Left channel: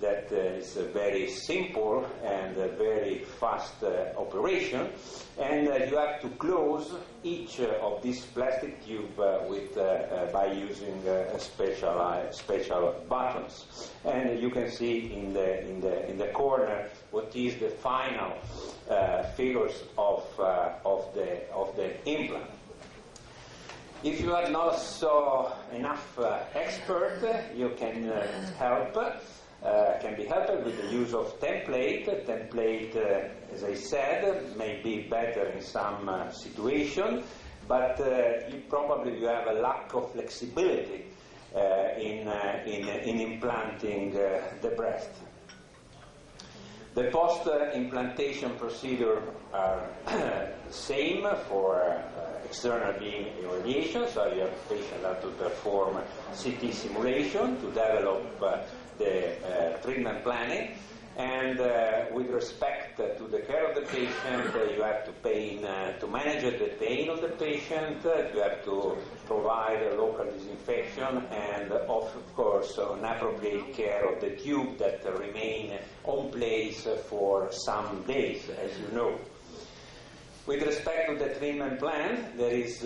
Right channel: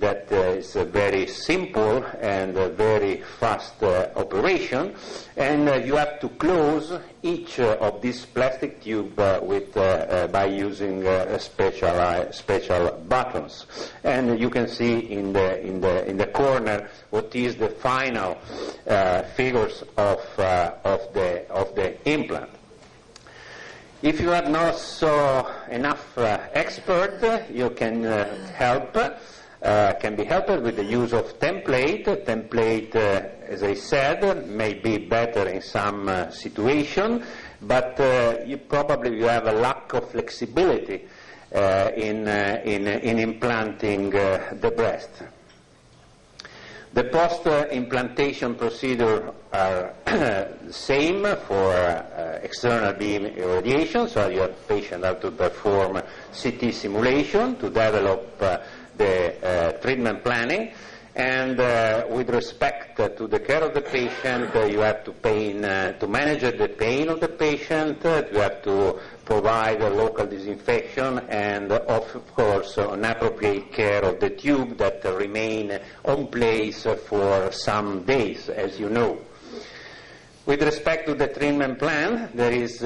that is a very simple and a very fast operation, and you have to close each of these plastic tube by using special buttons. And you can see in the corner what is the final figures of the implant. If you are not so enough expert, you can be helped with the use of template. Template, as I said, may be better in some situation, but you have a lack of flexibility in implanting the breast. The post-implantation procedure are the same for external beam irradiation, so your patient have to perform CT simulation to develop the treatment planning, and with respect to the care of the patient, you have to manage the pain of the patient, you have to provide a local disinfection, and of course an appropriate care of the tube that remain on place for some days, as you know. With respect to the treatment plan, there is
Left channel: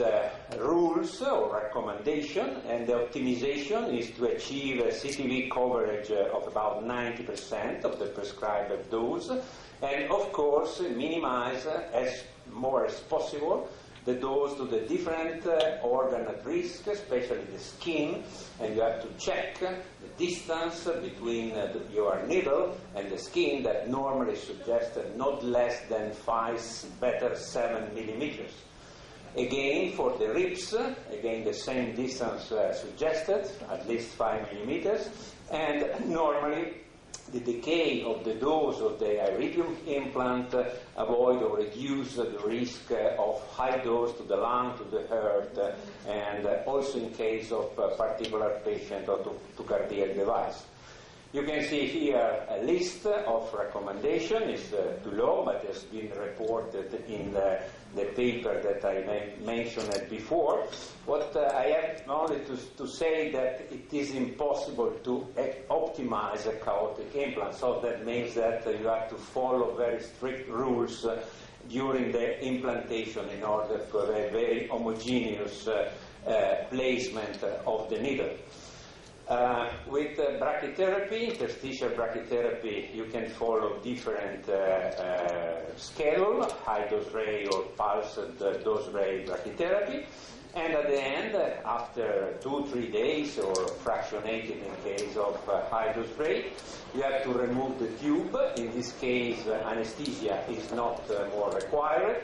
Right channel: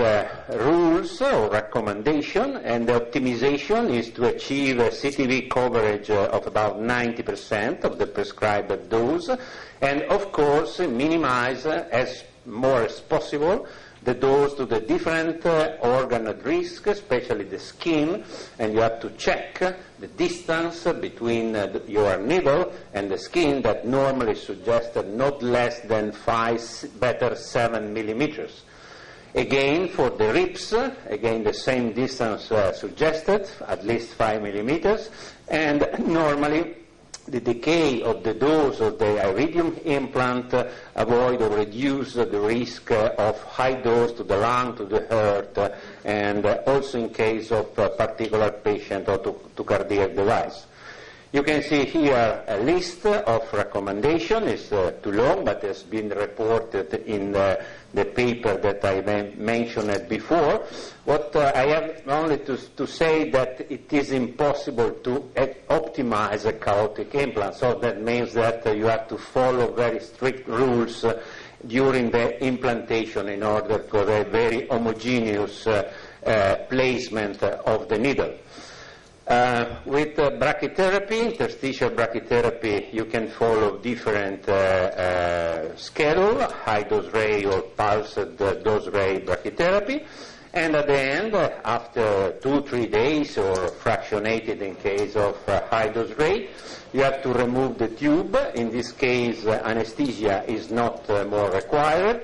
rules or recommendation, and the optimization is to achieve a CTV coverage of about 90% of the prescribed dose, and of course minimize as more as possible the dose to the different organ at risk, especially the skin, and you have to check the distance between your needle and the skin that normally suggested not less than 7 millimeters. Again, for the ribs, again the same distance suggested, at least 5 millimeters, and normally the decay of the dose of the iridium implant avoid or reduce the risk of high dose to the lung, to the heart, and also in case of a particular patient or to cardiac device. You can see here a list of recommendations. It's too long, but has been reported in the paper that I mentioned before. What I have only to say that it is impossible to optimize a chaotic implant. So that means that you have to follow very strict rules during the implantation in order for a very homogeneous placement of the needle. With brachytherapy, interstitial brachytherapy, you can follow different schedule, high dose ray or pulsed dose ray brachytherapy, and at the end, after 2-3 days or fractionated in case of high dose ray, you have to remove the tube. In this case, anesthesia is not more required.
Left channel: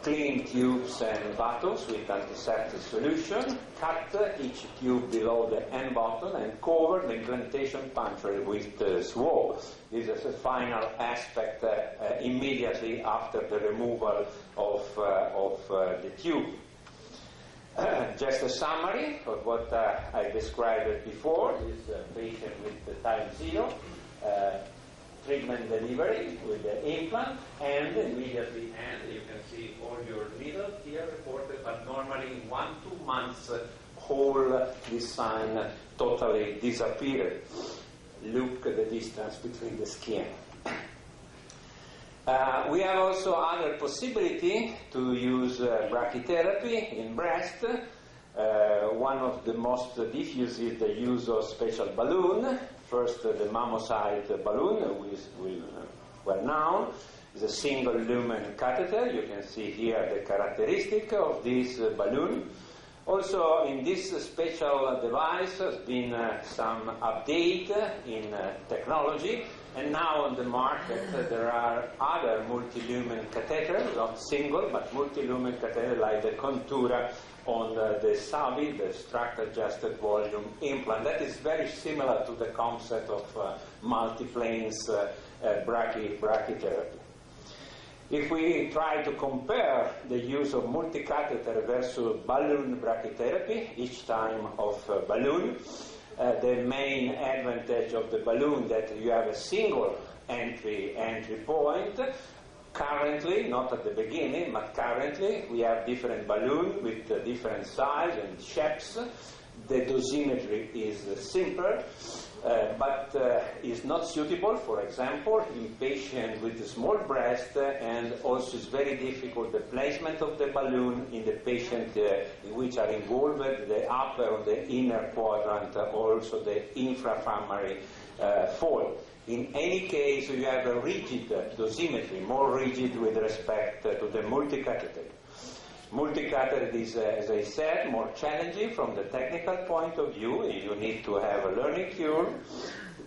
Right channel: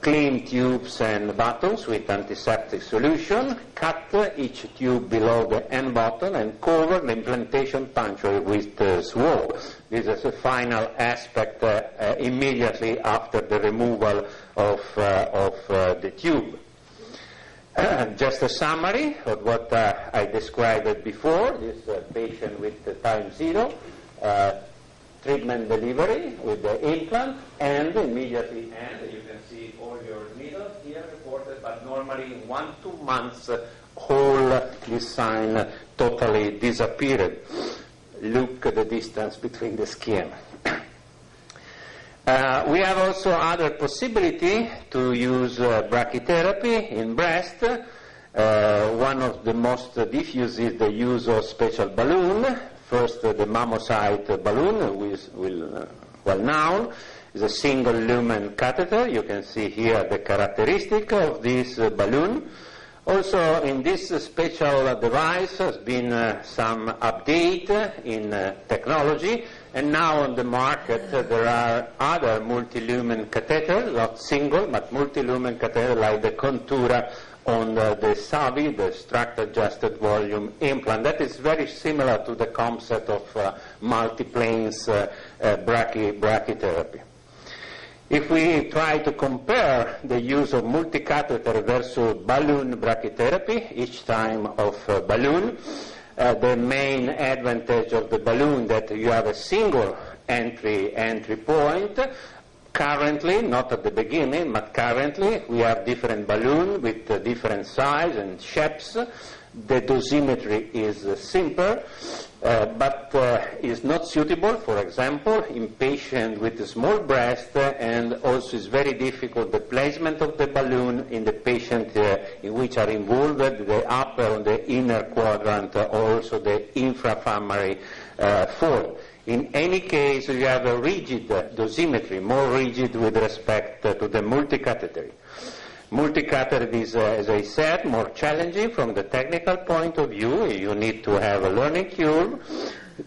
Clean tubes and buttons with antiseptic solution, cut each tube below the end button, and cover the implantation puncture with swab. This is the final aspect immediately after the removal of the tube. Just a summary of what I described before. This patient with time 0. Treatment delivery with the implant, and immediately end. You can see all your needles here reported, but normally in 1-2 months, whole this sign totally disappeared. Look at the distance between the skin. We have also other possibility to use brachytherapy in breast. One of the most diffuse is the use of special balloon. First, the mammocyte balloon, well known, is a single lumen catheter. You can see here the characteristic of this balloon. Also, in this special device has been some update in technology, and now on the market there are other multi-lumen catheters, not single, but multi-lumen catheters like the Contura on the SAVI, the structure-adjusted volume implant. That is very similar to the concept of multiplanes brachytherapy. If we try to compare the use of multi-catheter versus balloon brachytherapy, each time of balloon, the main advantage of the balloon that you have a single entry point. Currently, not at the beginning, but currently, we have different balloons with different size and shapes. The dosimetry is simpler. but is not suitable, for example, in patients with a small breast, and also is very difficult the placement of the balloon in the patient in which are involved the upper or the inner quadrant, or also the infrafemoral fold. In any case, you have a rigid dosimetry, more rigid with respect to the multicatheter. Multicatheter is, as I said, more challenging from the technical point of view. You need to have a learning curve.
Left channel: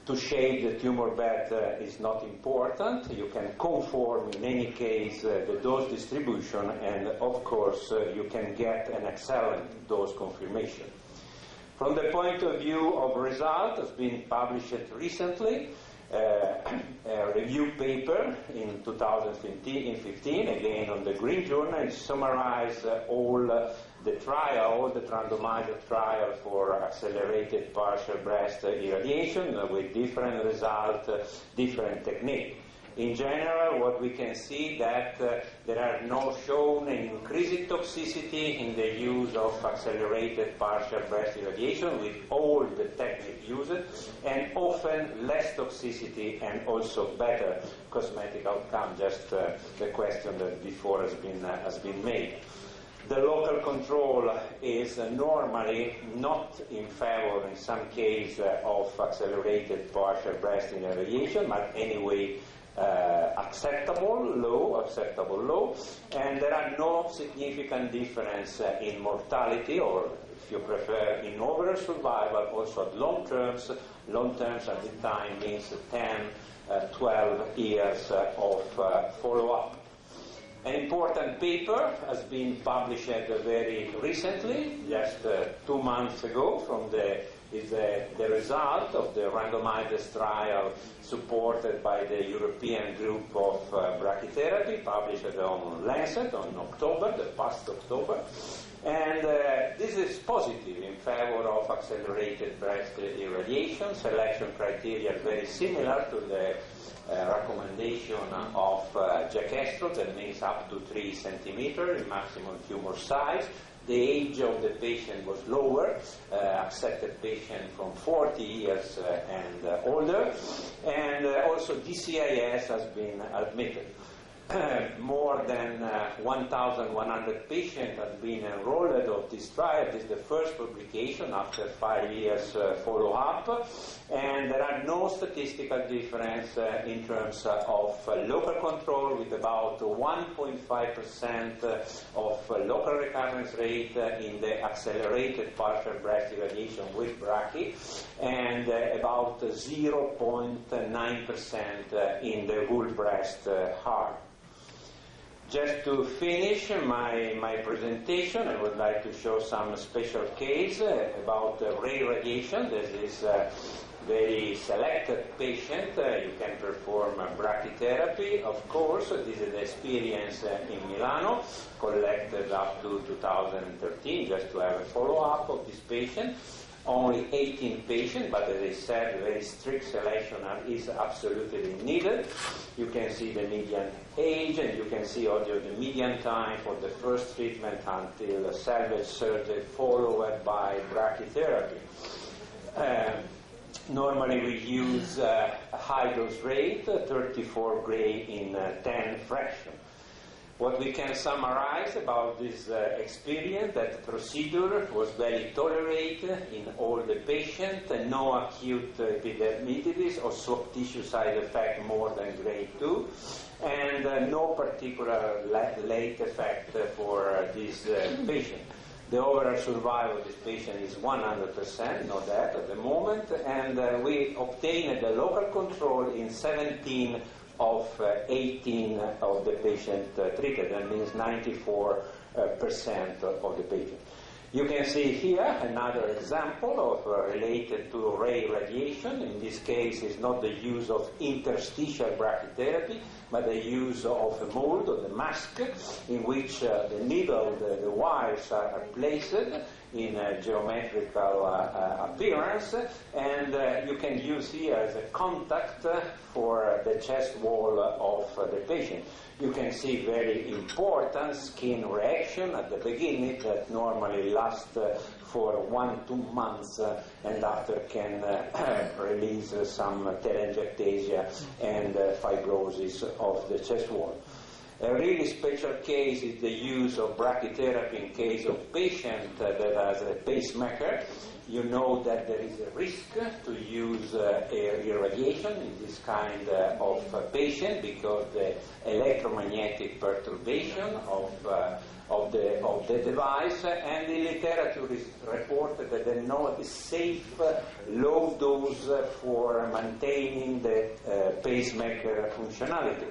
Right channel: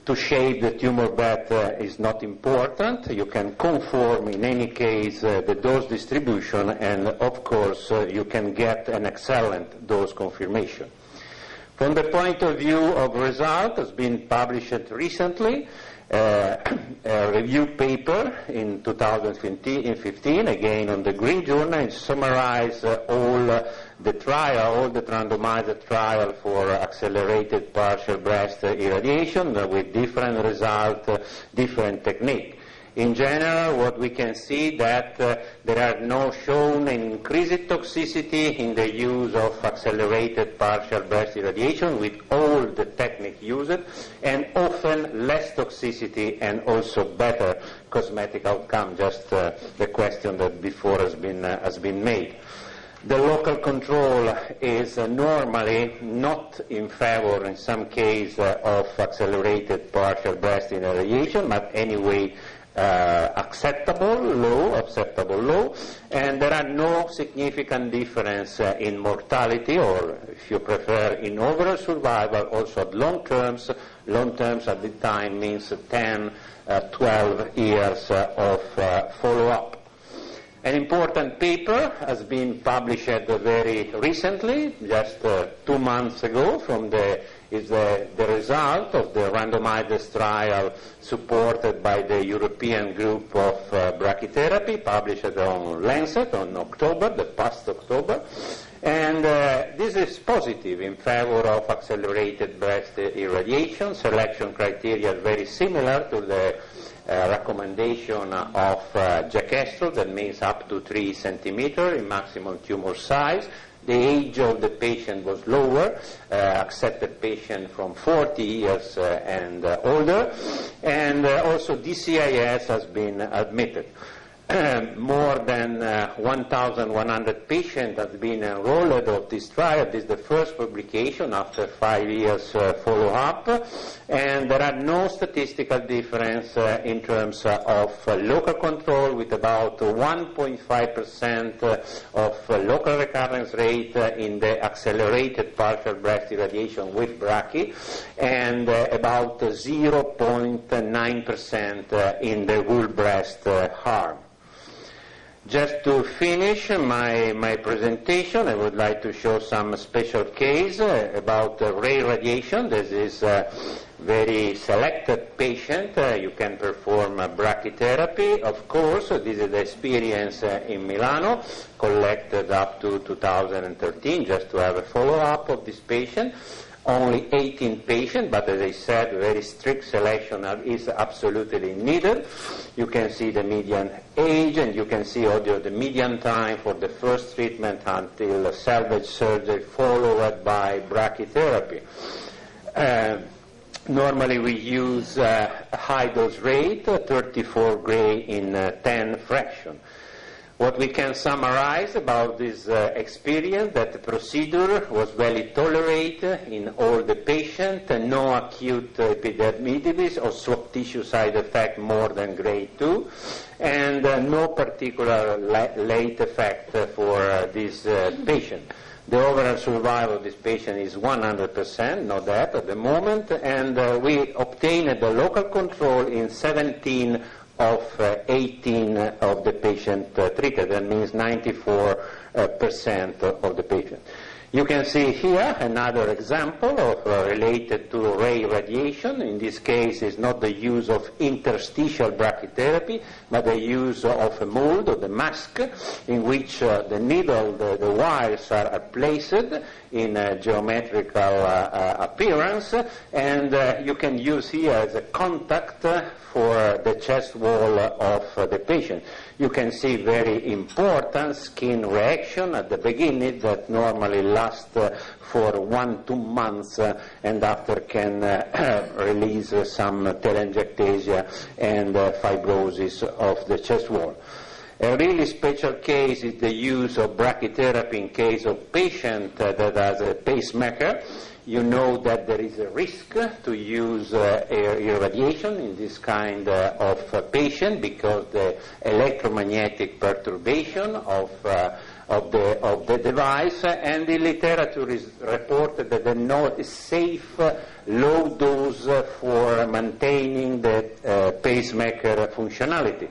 To shape the tumor bed is not important. You can conform, in any case, the dose distribution, and of course, you can get an excellent dose confirmation. From the point of view of result, has been published recently, a review paper in 2015, again on the Green Journal, and summarize all the randomized trial for accelerated partial breast irradiation with different results, different technique. In general, what we can see that there are no shown increased toxicity in the use of accelerated partial breast irradiation with all the technique used, and often less toxicity and also better cosmetic outcome, just the question that before has been made. The local control is normally not in favor, in some case, of accelerated partial breast irradiation, but anyway, acceptable low, and there are no significant difference in mortality, or if you prefer, in overall survival, also at long terms at the time means 10, 12 years of follow-up. An important paper has been published very recently, just 2 months ago, is the result of the randomized trial supported by the European group of brachytherapy, published on Lancet on the past October. And this is positive in favor of accelerated breast irradiation. Selection criteria are very similar to the recommendation of Jack Estel, that means up to 3 centimeters in maximum tumor size. The age of the patient was lower, accepted patient from 40 years and older, and also DCIS has been admitted. More than 1,100 patients have been enrolled of this trial. This is the first publication after 5 years follow-up, and there are no statistical difference in terms of local control, with about 1.5% of local recurrence rate in the accelerated partial breast irradiation with brachy, and about 0.9% in the whole breast arm. Just to finish my presentation, I would like to show some special case about ray radiation. This is a very selected patient. You can perform brachytherapy, of course. This is the experience in Milano, collected up to 2013, just to have a follow-up of this patient. Only 18 patients, but as I said, very strict selection is absolutely needed. You can see the median age, and you can see also the median time for the first treatment until salvage surgery, followed by brachytherapy. Normally we use a high dose rate, 34 gray in 10 fraction. What we can summarize about this experience, that the procedure was well tolerated in all the patients, no acute epidermitis or soft tissue side effect more than grade 2, and no particular late effect for this patient. The overall survival of this patient is 100%, no death at the moment, and we obtained the local control in 17 of 18 of the patient treated. That means 94% of the patient. You can see here another example of related to ray radiation. In this case, it's not the use of interstitial brachytherapy, but the use of a mold, of the mask, in which the needle, the wires are placed in geometrical appearance, and you can use here as a contact for the chest wall of the patient. You can see very important skin reaction at the beginning that normally lasts for 1-2 months and after can release some telangiectasia and fibrosis of the chest wall. A really special case is the use of brachytherapy in case of patient that has a pacemaker. You know that there is a risk to use irradiation in this kind of patient because the electromagnetic perturbation of the device, and the literature is reported that the not is safe low dose for maintaining the pacemaker functionality.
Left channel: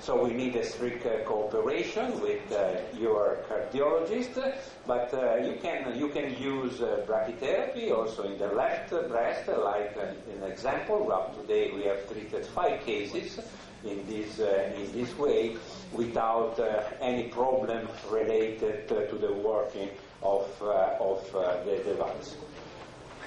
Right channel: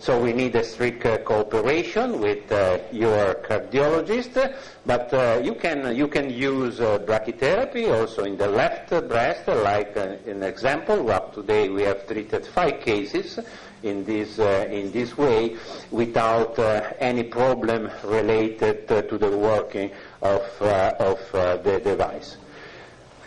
So we need a strict cooperation with your cardiologist, but you can use brachytherapy also in the left breast, like an example. Up to date we have treated 5 cases in this way without any problem related to the working of the device.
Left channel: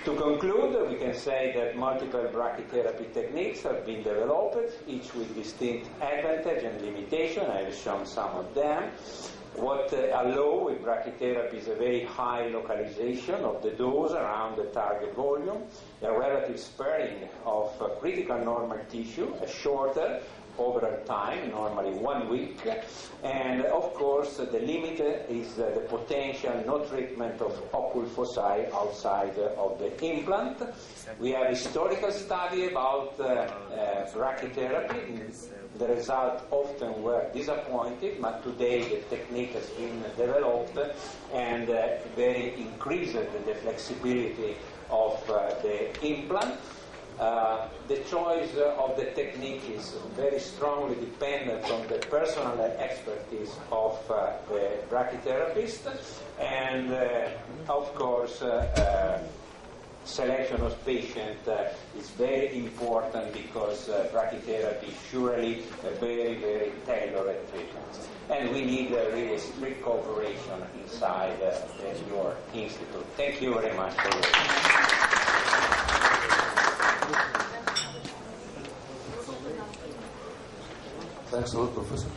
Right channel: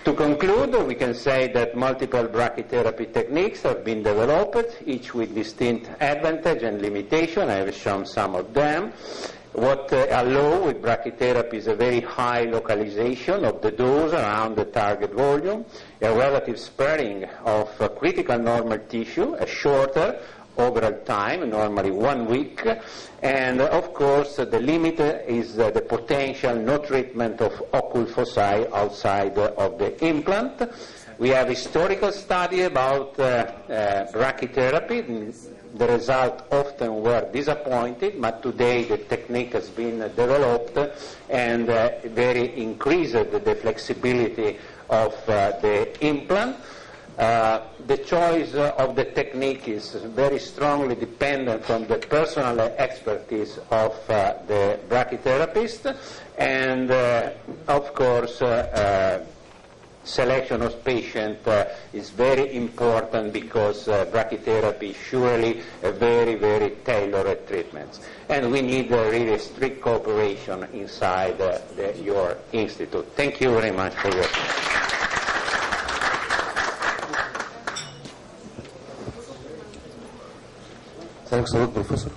To conclude, we can say that multiple brachytherapy techniques have been developed, each with distinct advantage and limitation. I have shown some of them. What allows with brachytherapy is a very high localization of the dose around the target volume, a relative sparing of critical normal tissue, a shorter overall time, normally 1 week, and of course the limit is the potential no treatment of occult foci outside of the implant. We have historical study about brachytherapy. The results often were disappointing, but today the technique has been developed and very increased the flexibility of the implant. The choice of the technique is very strongly dependent on the personal expertise of the brachytherapist, and of course selection of patient is very important because brachytherapy is surely a very, very tailored treatment. And we need really strict cooperation inside your institute. Thank you very much for your attention. Thanks a lot, Professor.